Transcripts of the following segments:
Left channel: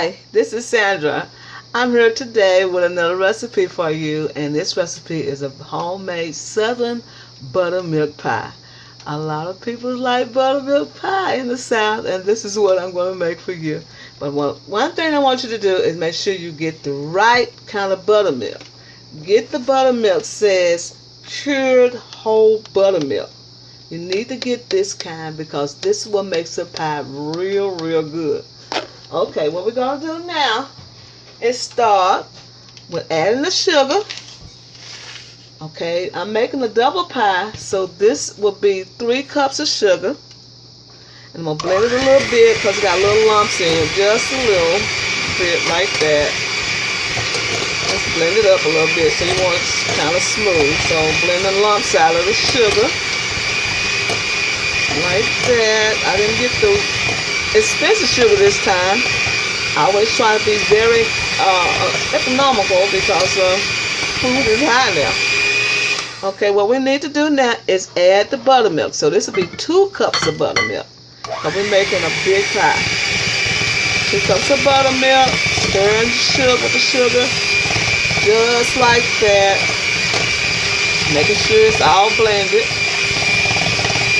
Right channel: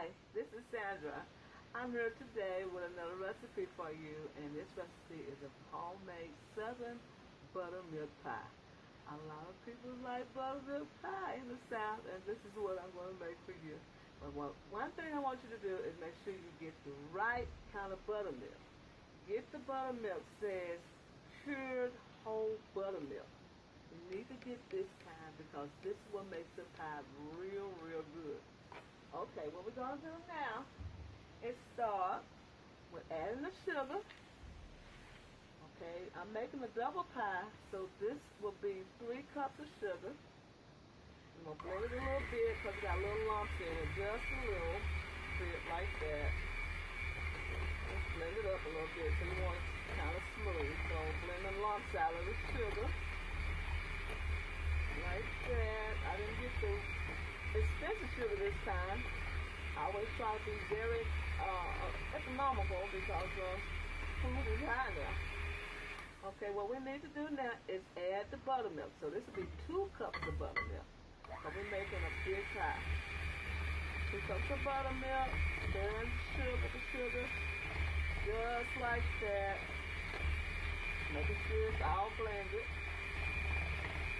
Hi, this is Sandra. I'm here today with another recipe for you, and this recipe is a homemade Southern buttermilk pie. A lot of people like buttermilk pie in the South, and this is what I'm going to make for you. But one thing I want you to do is make sure you get the right kind of buttermilk. Get the buttermilk says cured whole buttermilk. You need to get this kind because this is what makes the pie real good. Okay, what we're going to do now is start with adding the sugar. Okay, I'm making a double pie, so this will be 3 cups of sugar. And I'm going to blend it a little bit because it got little lumps in it, just a little bit like that. Just blend it up a little bit so you want it kind of smooth. So blend the lumps out of the sugar. Like that. I didn't get the expensive sugar this time. I always try to be very economical because food is high now. Okay, what we need to do now is add the buttermilk. So this will be 2 cups of buttermilk. Because we're making a big pie. 2 cups of buttermilk. Stirring the sugar. Just like that. Making sure it's all blended.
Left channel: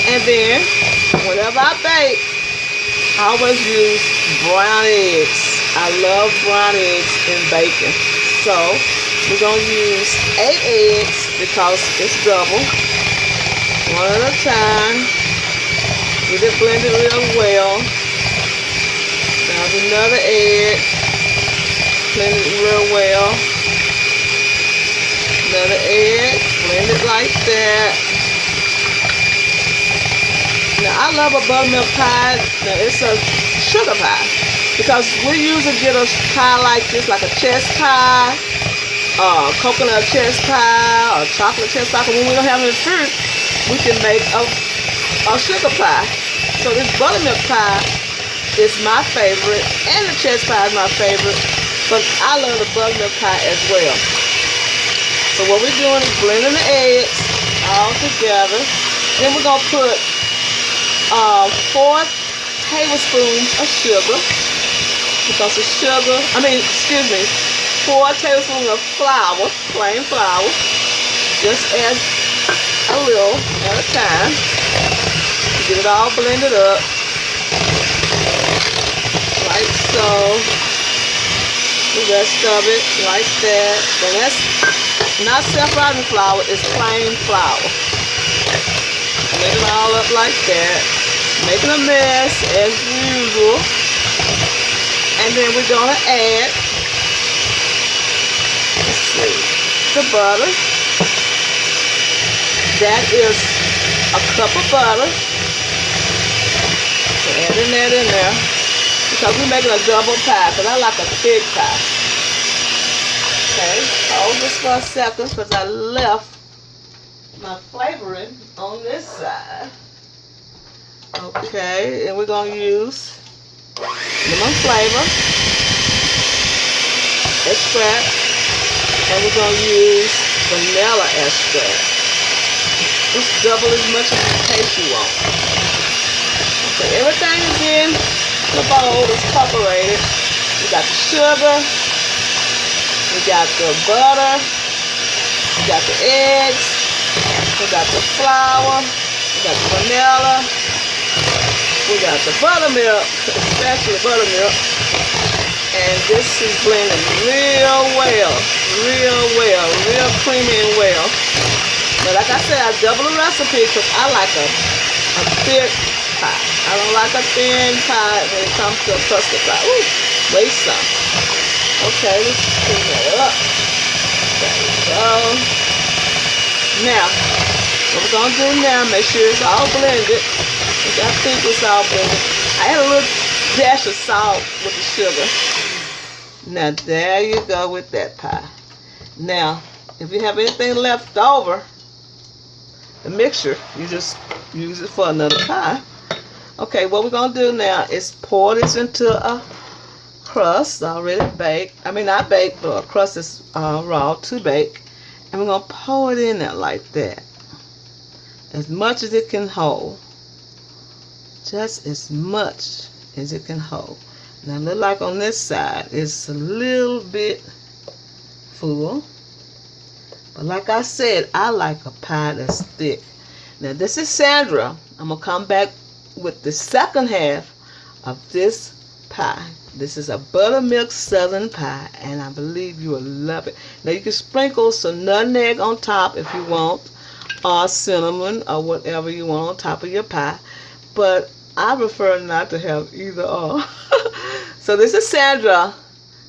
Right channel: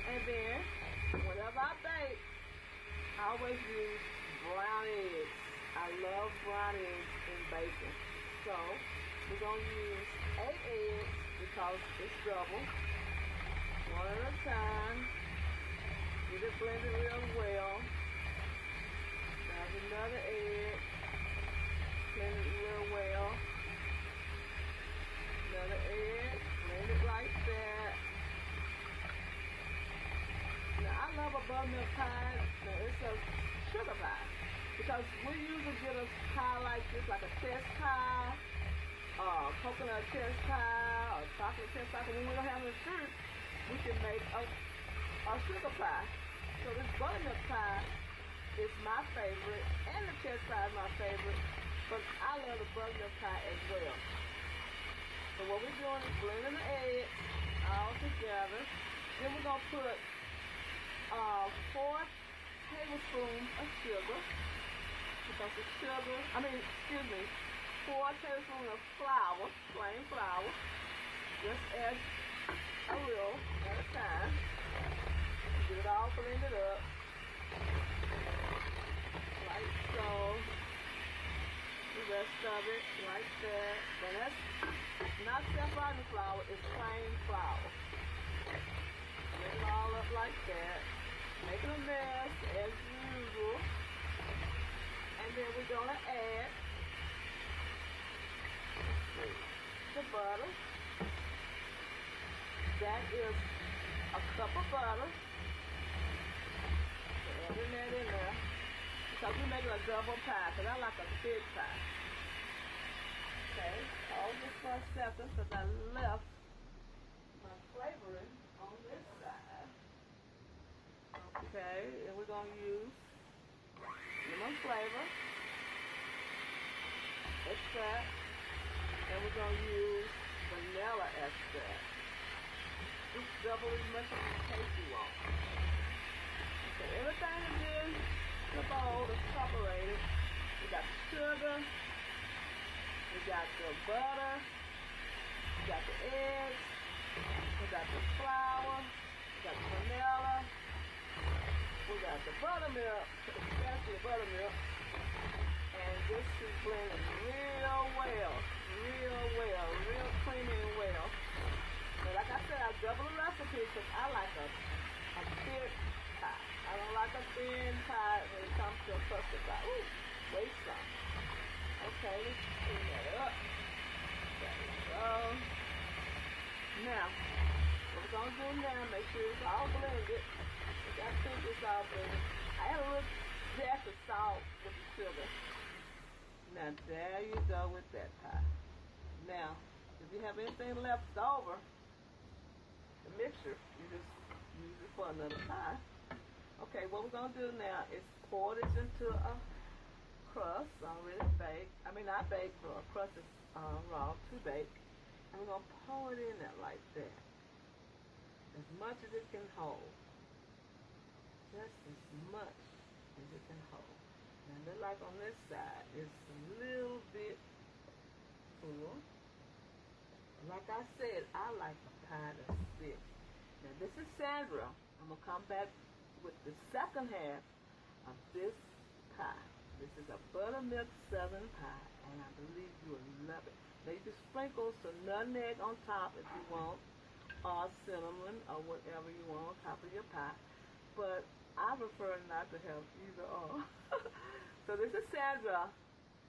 And then, whenever I bake, I always use brown eggs. I love brown eggs in bacon. So, we're going to use 8 eggs because it's double. One at a time. Get it blended real well. There's another egg. Blend it real well. Another egg. Blend it like that. Now, I love a buttermilk pie. Now, it's a sugar pie. Because we usually get a pie like this, like a chess pie, coconut chess pie, or chocolate chess pie. But when we don't have any fruit, we can make a sugar pie. So this buttermilk pie is my favorite, and the chess pie is my favorite. But I love the buttermilk pie as well. So what we're doing is blending the eggs all together. Then we're going to put 4 tablespoons of sugar, because the sugar, 4 tablespoons of flour, plain flour, just add a little at a time, get it all blended up, like so, the rest of it, like that. And that's not self-rising flour, it's plain flour. Blend it all up like that. Making a mess as usual. And then we're going to add, let's see, the butter. That is a cup of butter. So adding that in there. Because we're making a double pie, because I like a big pie. Okay, hold this for a second because I left my flavoring on this side. Okay, and we're going to use lemon flavor, extract, and we're going to use vanilla extract. Just double as much as in case you want. Okay, everything is in the bowl, is separated. We got the sugar, we got the butter, we got the eggs, we got the flour, we got the vanilla, we got the buttermilk, especially buttermilk, and this is blended real well, real creamy and well. But like I said, I double the recipe because I like a thick pie. I don't like a thin pie when it comes to a custard pie. Ooh, waste some. Okay, let's clean that up. There we go. Now, what we're going to do now, make sure it's all blended. I think it's all blended. I add a little dash of salt with the sugar. Now, there you go with that pie. Now, if you have anything left over, the mixture, you just use it for another pie. Okay, what we're going to do now is pour this into a crust already baked. I mean, not baked, but a crust is raw to bake. And we're going to pour it in there like that. As much as it can hold. Just as much as it can hold. Now look like on this side, it's a little bit full. But like I said, I like a pie that's thick. Now this is Sandra. I'm going to come back with the second half of this pie. This is a buttermilk southern pie, and I believe you will love it. Now you can sprinkle some nutmeg on top if you want, or cinnamon, or whatever you want on top of your pie. But I prefer not to have either or. So this is Sandra.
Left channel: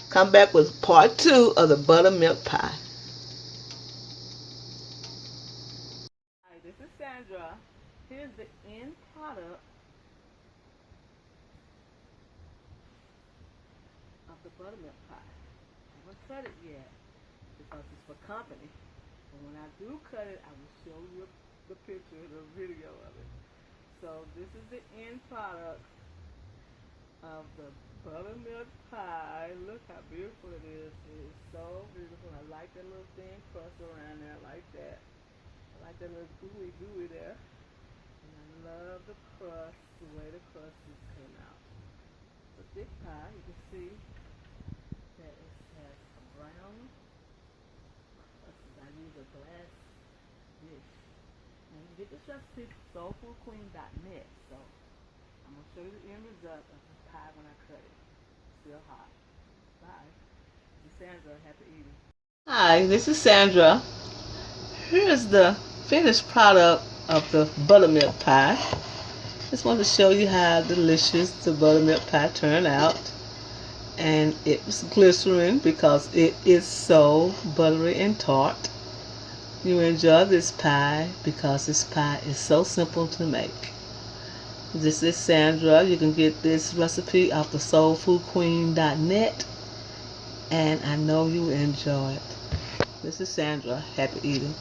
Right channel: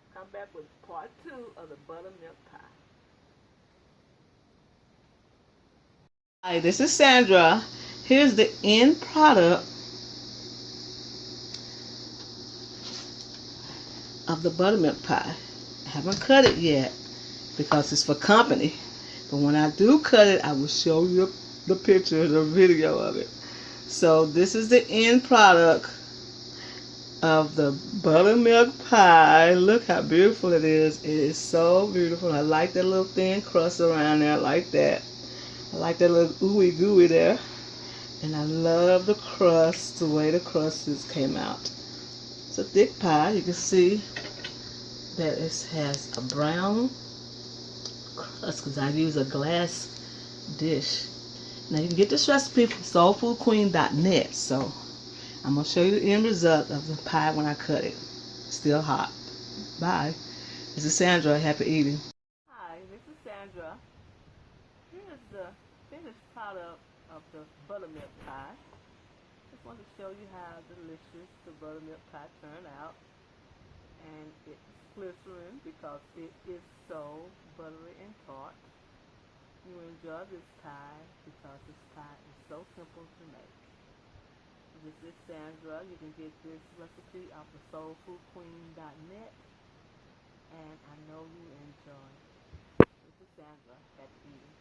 Come back with part 2 of the buttermilk pie. Hi, this is Sandra. Here's the end product of the buttermilk pie. I haven't cut it yet because it's for company. But when I do cut it, I will show you the picture, the video of it. So this is the end product of the buttermilk pie. Look how beautiful it is. It is so beautiful. I like that little thin crust around there like that. I like that little ooey gooey there. And I love the crust, the way the crusts came out. It's a thick pie. You can see that it has a brown crust because I use a glass dish. Now you can get this recipe from soulfoodqueen.net. So I'm going to show you the end result of the pie when I cut it. Still hot. Bye. This is Sandra. Happy eating. Hi, this is Sandra. Here's the finished product of the buttermilk pie. Just want to show you how delicious the buttermilk pie turned out. And it was glycerin because it is so buttery and tart. You enjoy this pie because this pie is so simple to make. This is Sandra. You can get this recipe off the soulfoodqueen.net, and I know you enjoy it. This is Sandra. Happy eating.